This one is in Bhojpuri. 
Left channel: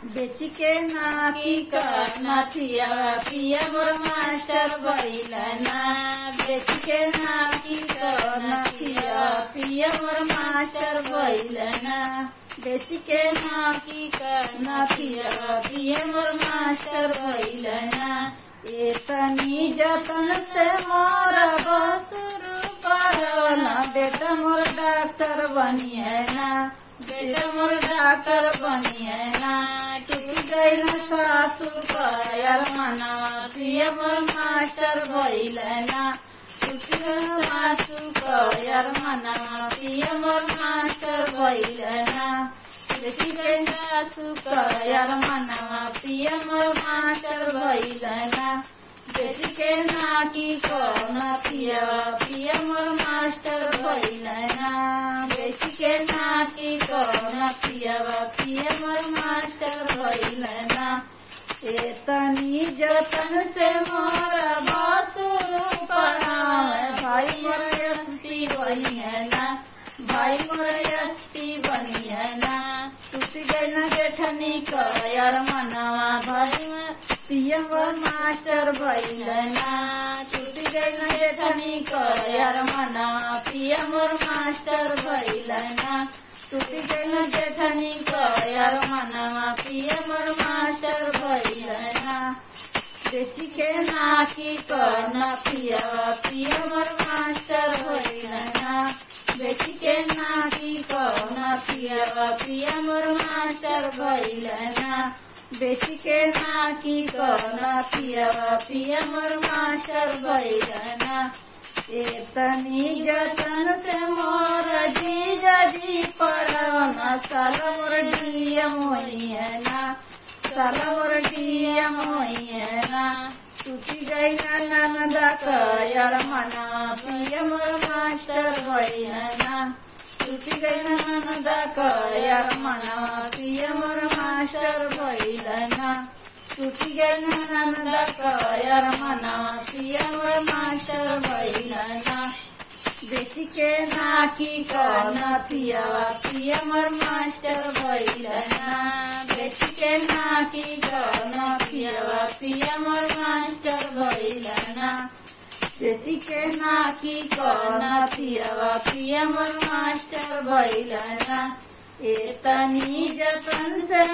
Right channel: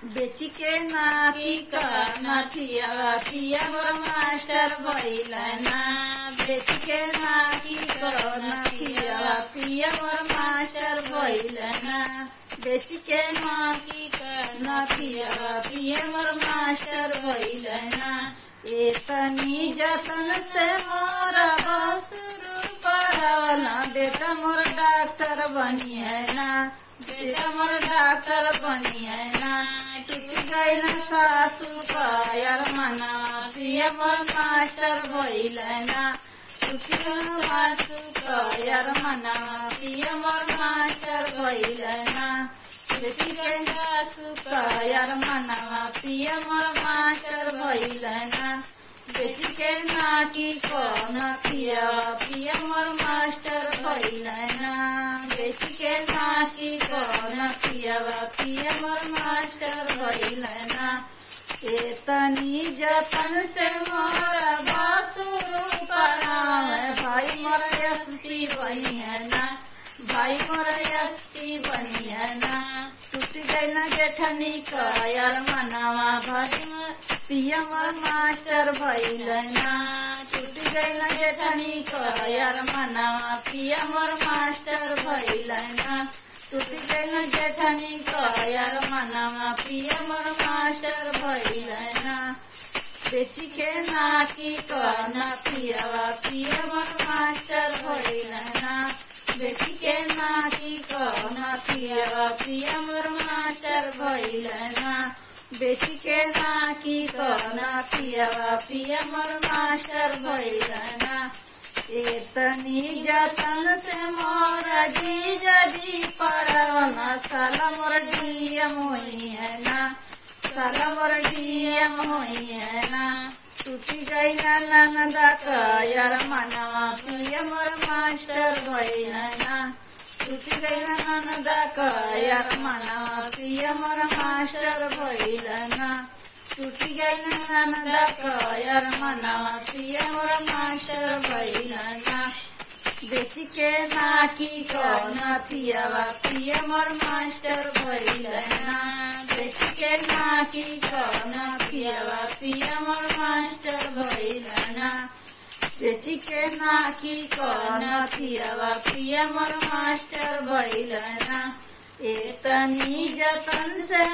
बेची के नाकी करना पिया पिया मोर मास्टर भइलना। बेची के नाकी करना पिया पिया मोर मास्टर भइलना। बेची के नाकी करना पिया पिया मोर मास्टर भइलना। इतनी जतन से मोर बसरू पढ़वना। बेटा मोर डॉक्टर बनिए ना, बेटा मोर डॉक्टर बनिए ना। सासू पायल मना पिया मोर मास्टर भइलना। सासू पायल मना पिया मोर मास्टर भइलना। सासू पायल मना पिया मोर मास्टर भइलना। बेटी के नाकी करना पिया पिया मोर मास्टर भइलना। बेटी के नाकी करना पिया पिया मोर मास्टर भइलना। इतनी जतन से मोर बसरू पढ़ावे। भाई मोर एसपी बनिए ना, भाई मोर एसपी बनिए ना। किसी जन जेठनी कर मनावा भाई पिया मोर मास्टर भइलना। किसी जन जेठनी कर मनावा पिया मोर मास्टर भइलना। किसी जन जेठनी कर मनावा पिया मोर मास्टर भइलना। बेटी के नाकी करना पिया पिया मोर मास्टर भइलना। बेटी के नाकी करना पिया पिया मोर मास्टर भइलना। बेटी के नाकी करना पिया पिया मोर मास्टर भइलना। इतनी जतन से मोर जीजा जी पढ़वना। साला मोर डीएम होइए ना, साला मोर डीएम होइए ना। टूटी गई नंदा कर मना पिया मोर मास्टर भइलना। टूटी गई नंदा कर मना पिया मोर मास्टर भइलना। टूटी गई नंदा कर मना पिया मोर मास्टर भइलना। बेटी के नाकी करना पिया पिया मोर मास्टर भइलना। बेटी के नाकी करना पिया पिया मोर मास्टर भइलना। बेटी के नाकी करना पिया पिया मोर मास्टर भइलना। इतनी जतन से